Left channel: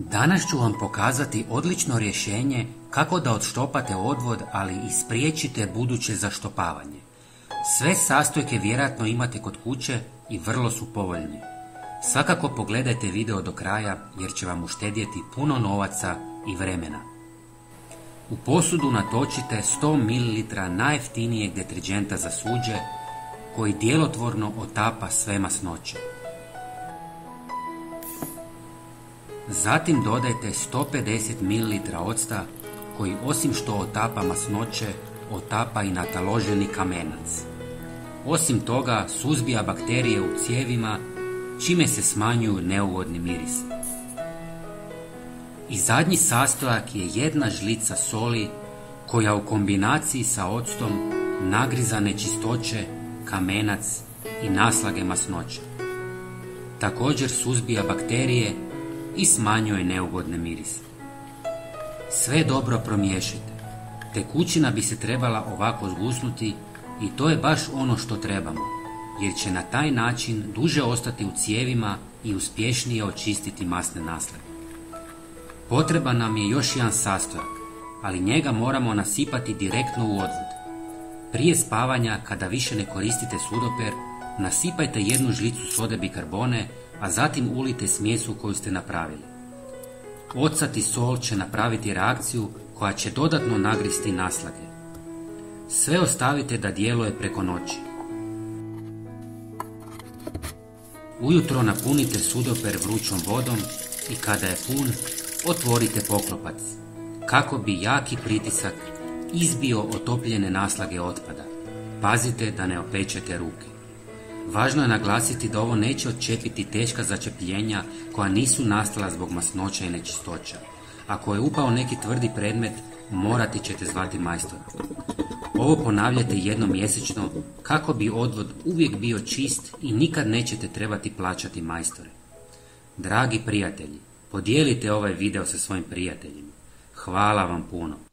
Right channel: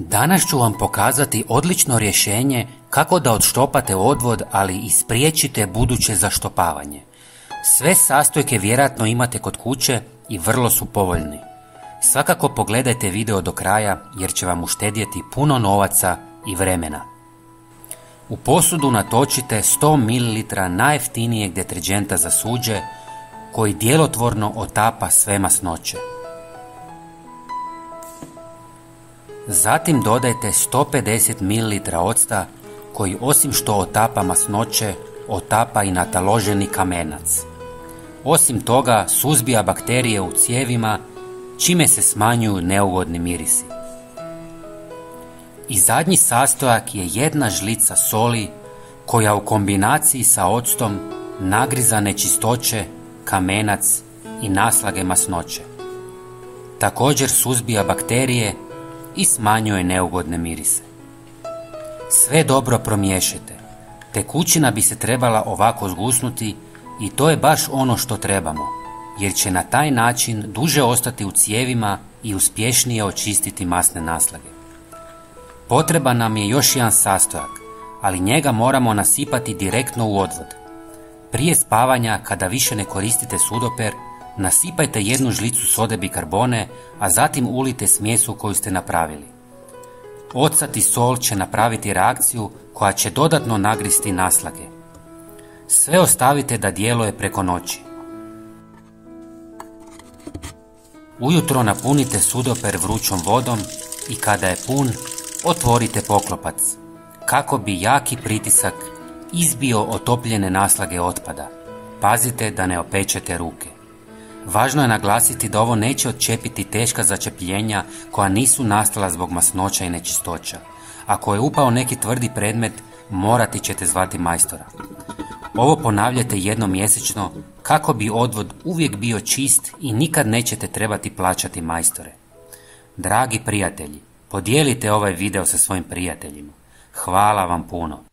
Danas ću vam pokazati odlično rješenje kako da odštopate odvod, ali i spriječite buduće zaštopavanje. Sve sastojke vjerojatno imate kod kuće i vrlo su povoljni. Svakako pogledajte video do kraja jer će vam uštedjeti puno novaca i vremena. U posudu natočite 100 ml najjeftinijeg deterdženta za suđe koji djelotvorno otapa sve masnoće. Zatim dodajte 150 ml octa koji osim što otapa masnoće, otapa i nataloženi kamenac. Osim toga suzbija bakterije u cijevima, čime se smanjuju neugodni mirisi. I zadnji sastojak je 1 žlica soli koja u kombinaciji sa octom nagriza nečistoće, kamenac i naslage masnoće. Također suzbija bakterije i smanjuje neugodne mirise. Sve dobro promiješajte. Tekućina bi se trebala ovako zgusnuti i to je baš ono što trebamo, jer će na taj način duže ostati u cijevima i uspješnije očistiti masne naslage. Potreban nam je još jedan sastojak, ali njega moramo nasipati direktno u odvod. Prije spavanja, kada više ne koristite sudoper, nasipajte 1 žlicu sode bikarbone, a zatim ulite smjesu koju ste napravili. Ocat i sol će napraviti reakciju koja će dodatno nagristi naslage. Sve ostavite da djeluje preko noći. Ujutro napunite sudoper vrućom vodom i kada je pun, otvorite poklopac, kako bi jaki pritisak izbio otopljene naslage otpada. Pazite da ne opečete ruke. Važno je naglasiti da ovo neće odčepiti teška začepljenja koja nisu nastala zbog masnoća i nečistoća. Ako je upao neki tvrdi predmet, morati ćete zvati majstora. Ovo ponavljate jednom mjesečno kako bi odvod uvijek bio čist i nikad nećete trebati plaćati majstore. Dragi prijatelji, podijelite ovaj video sa svojim prijateljima. Hvala vam puno.